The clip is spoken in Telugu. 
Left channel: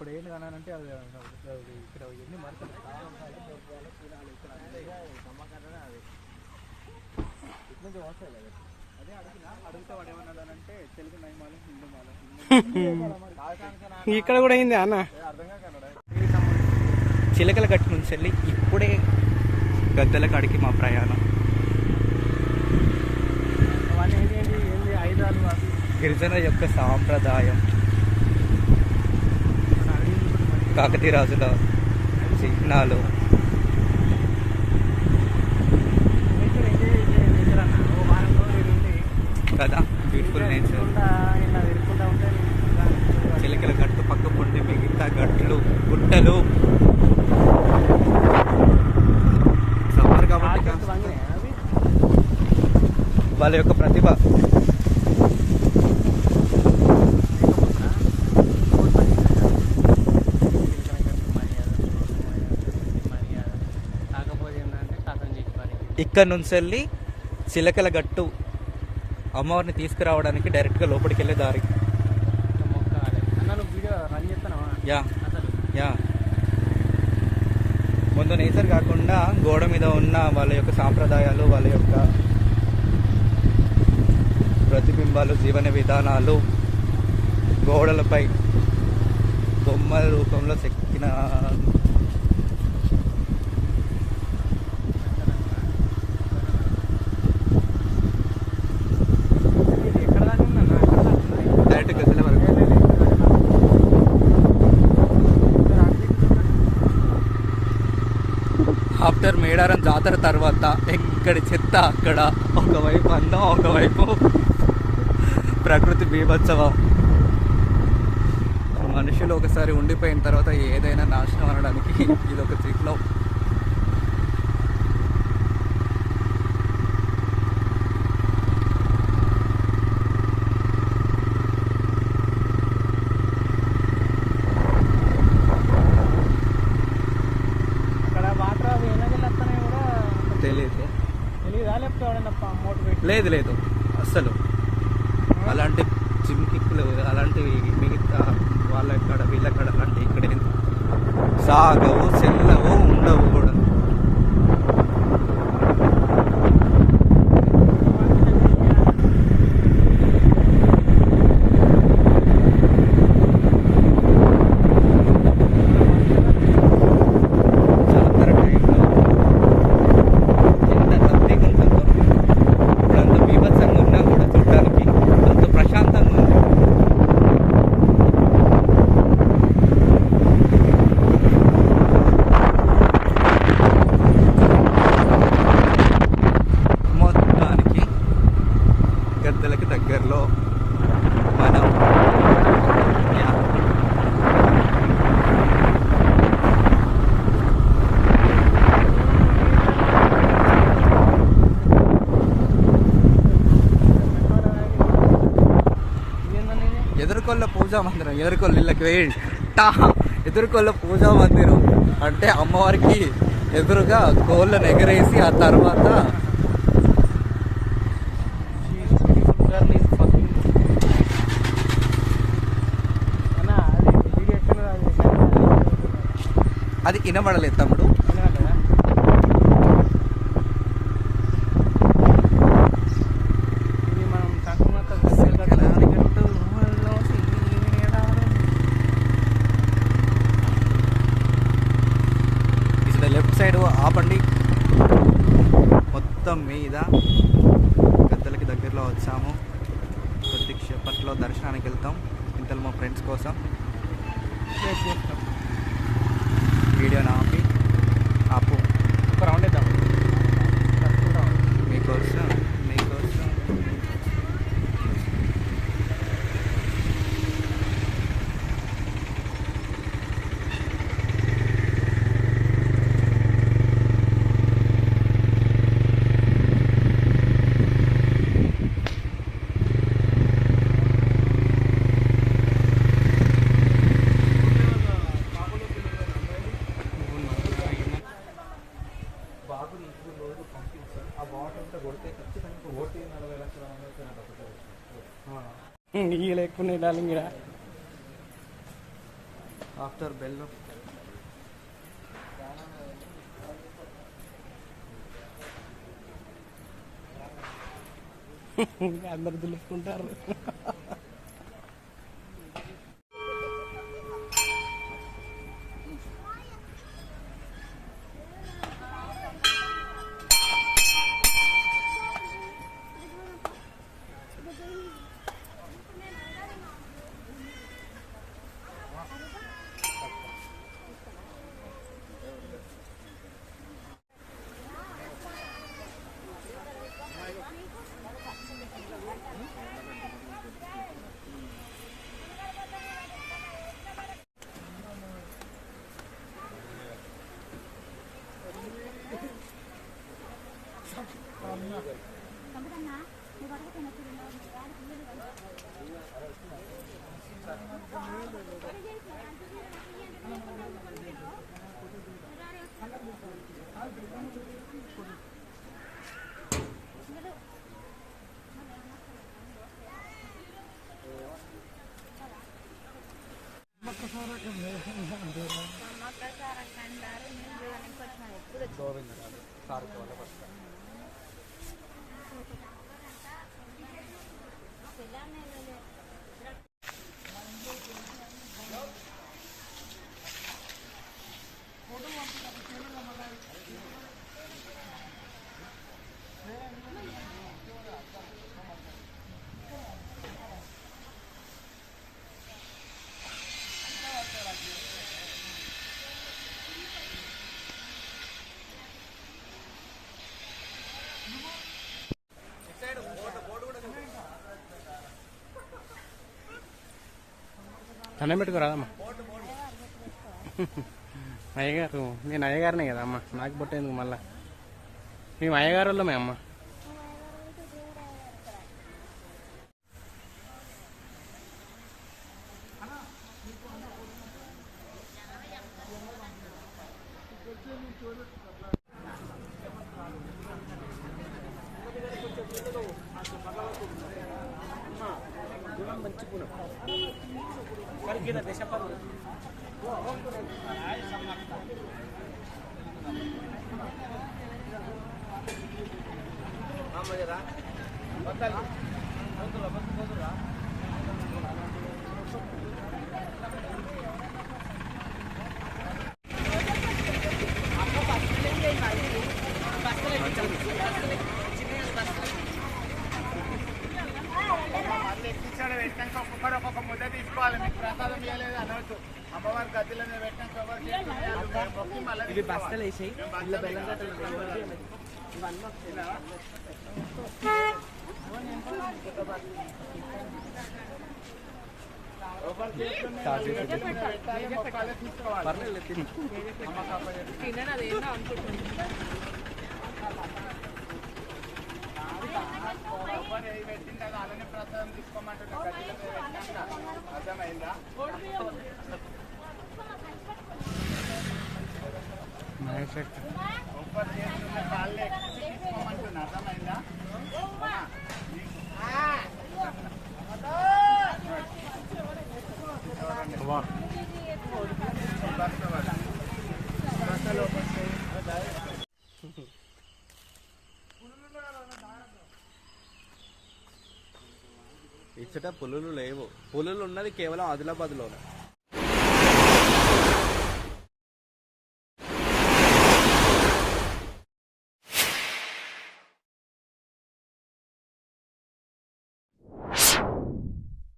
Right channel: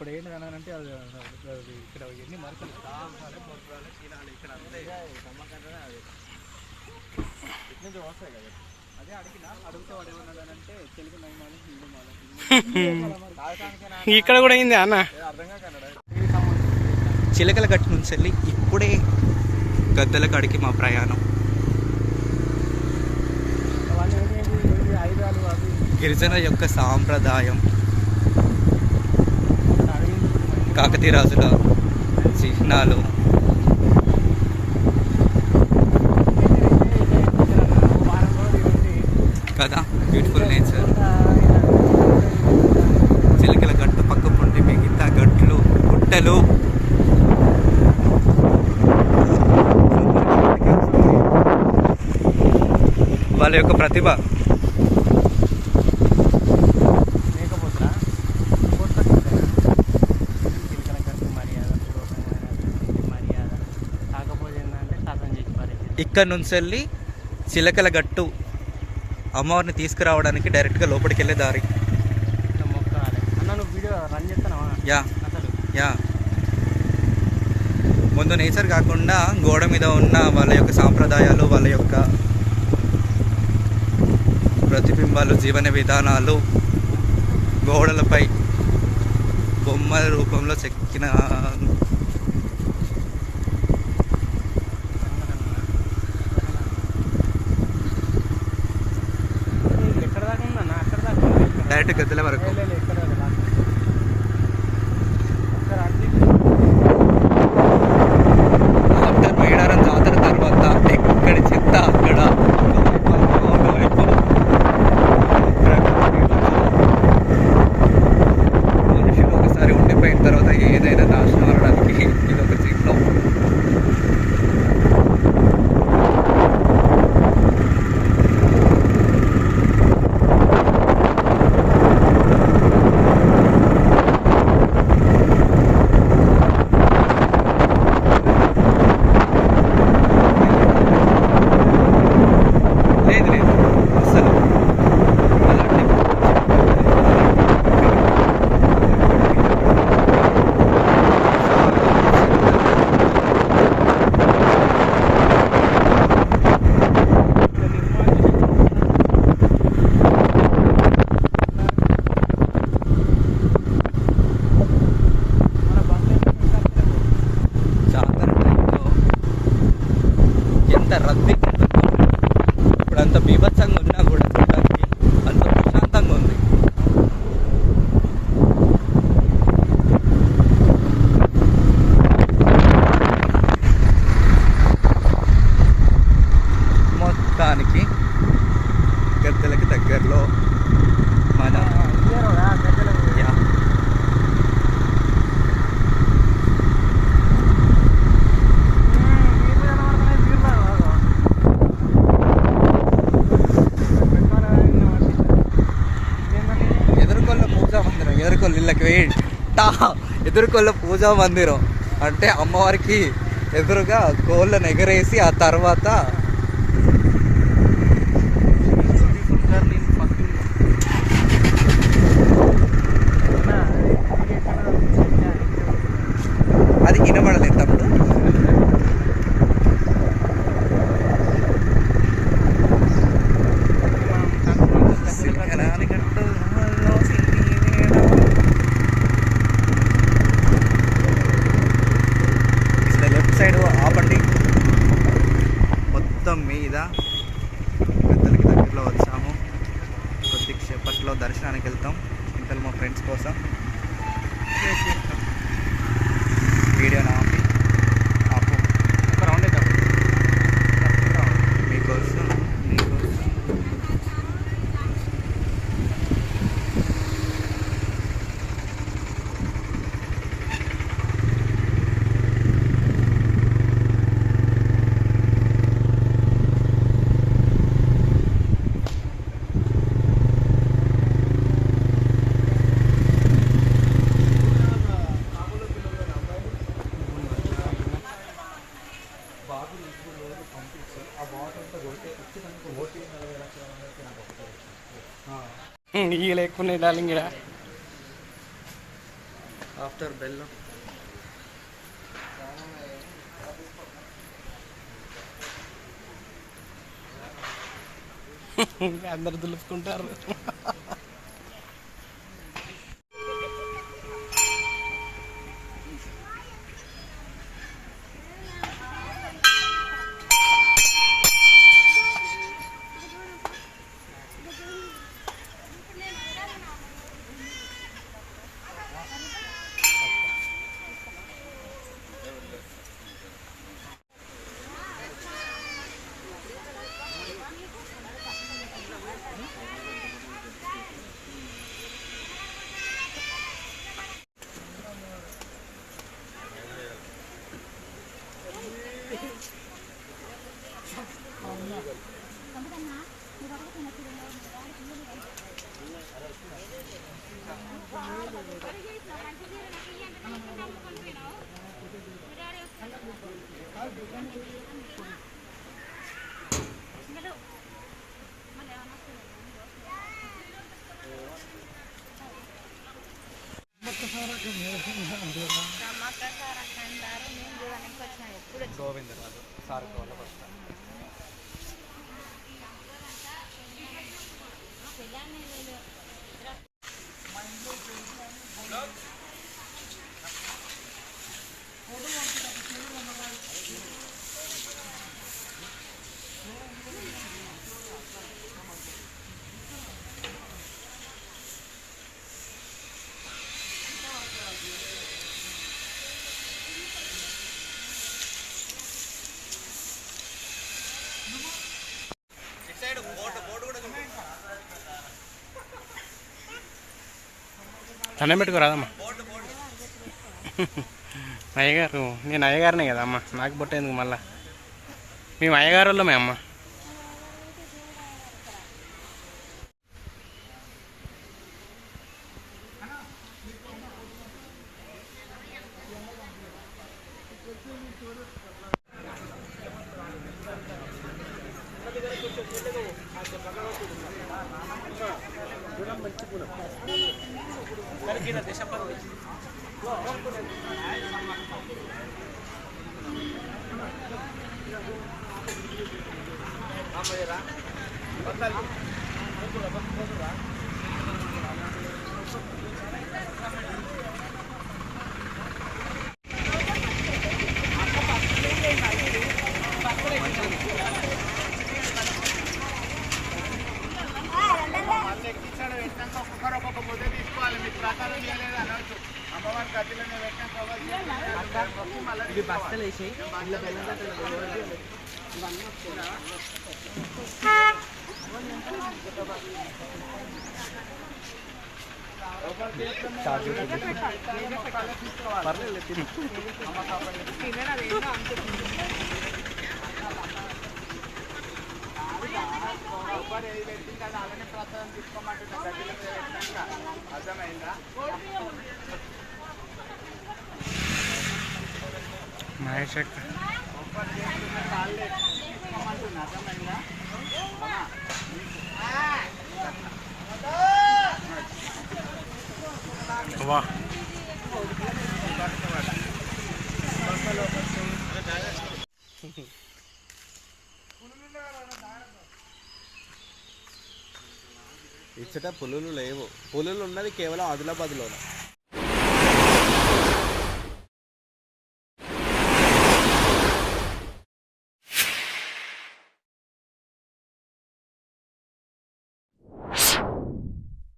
ఇప్పుడు ఏంటి అని అంటే అది ఇక్కడ ఎన్ని మరకలు ఇక్కడ ఇట్లా వస్తాయి కదా. అదే అడుగుతా వాడు ఏమన్నాడంటే తెలుగు మహిమాలు హిందూ మాల ఇక్కడ కూడా అయింది అన్న. అర్థం కాకన్నాడు. చిలకల గట్టు నుంచి వెళ్ళి ఇప్పుడే గద్దెల కాడికి మా ప్రయాణం. గిరిజన యొక్క సాంప్రదాయం, కాకతీయ రాజుల చిహ్నాలు, కదా బ్యూటిఫుల్ నేచర్. చిలకల గట్టు పక్క పొండి మిగతా గట్లు గుట్టలు వాళ్ళ యొక్క ప్రతిభ. ఇక్కడ నుంచి వెళ్ళి చిలకల గట్టు అమ్మవారిని తీసుకురావడానికి డైరెక్ట్గా లోపలికి వెళ్ళే దారి. యా యా ముందు నేచర్ కాకుండా గోడ మీద ఉన్న వాళ్ళ యొక్క సాంప్రదాయాలు, వాళ్ళ యొక్క ప్రతిబింబాలు, జీవన విధానాలు గోడలపై బొమ్మల రూపంలో చెక్కిన డైరెక్ట్ గద్దెల వరకు. ఆఫ్టర్ మేడారం జాతర తర్వాత ఎక్కడి చెత్త అక్కడ, ఒకవైపు అంతా ఒకవైపు ప్రకృతి బీభత్సవం. మనుషులు ఒకసారి ఉండిపోయిన తర్వాత ఏదైనా నాశనం అనడానికి ఇది ఒక చిహ్నం. గద్దెలకి దగ్గరలో మనం ఎదుర్కొల్ల పూజా మందిరం. ఎదుర్కొల్ల ఇళ్ళకి ఎదుర్కొల్ల పూజా మందిరం అంటే అమ్మవారికి ఎదురుగా కోళ్ళను ఎగరేసి ఆ తర్వాత అది వినబడలేదు తమ్ముడు. లెఫ్ట్ సైడ్ ఆపండి. మొత్తం మీద గద్దెలకి దగ్గరలో వచ్చాము. కొద్దిసేపట్లో దర్శనానికి వెళ్తాం. ఇంతలో మా ఫ్రెండ్స్ కోసం వీడియో ఆపి ఆపు మీకోసం మీకోసం. ఇక లేకున్నాయి డార్లింగ్. ఇక్కడ ఆఫ్టర్ బెల్ అందరు దులుపుకుంటారు. గోవిందరాజు సార్ వల్ల వస్తా దండం పెట్టుకోరాదమ్మా. అయ్యగారు నేను అయ్యగారినే కదా అమ్మ, నాకు పుట్టేందుకు మళ్ళా. మేము అయ్యగారు వాళ్ళమే అమ్మ. ఒక్కొక్క ముద్ద తీసుకోవాలి. మీకు ప్రసాదం చేయలేదు అనవచ్చు. అమ్మవారి గదిలోనే పెట్టిన ఇది బస్తలు వేసాయి ఇలా బెల్లం కట్టలు అలానే ప్రసాదం తీసుకోమంటున్నా. గదిలో అర్థమైందా? మహేష్ తీసుకోమంటున్నా. అర్థమైందా? వా ఇచ్చట పులులు లేవు. పులులు ఉన్నది కేవలం ఆదిలాబాద్లో.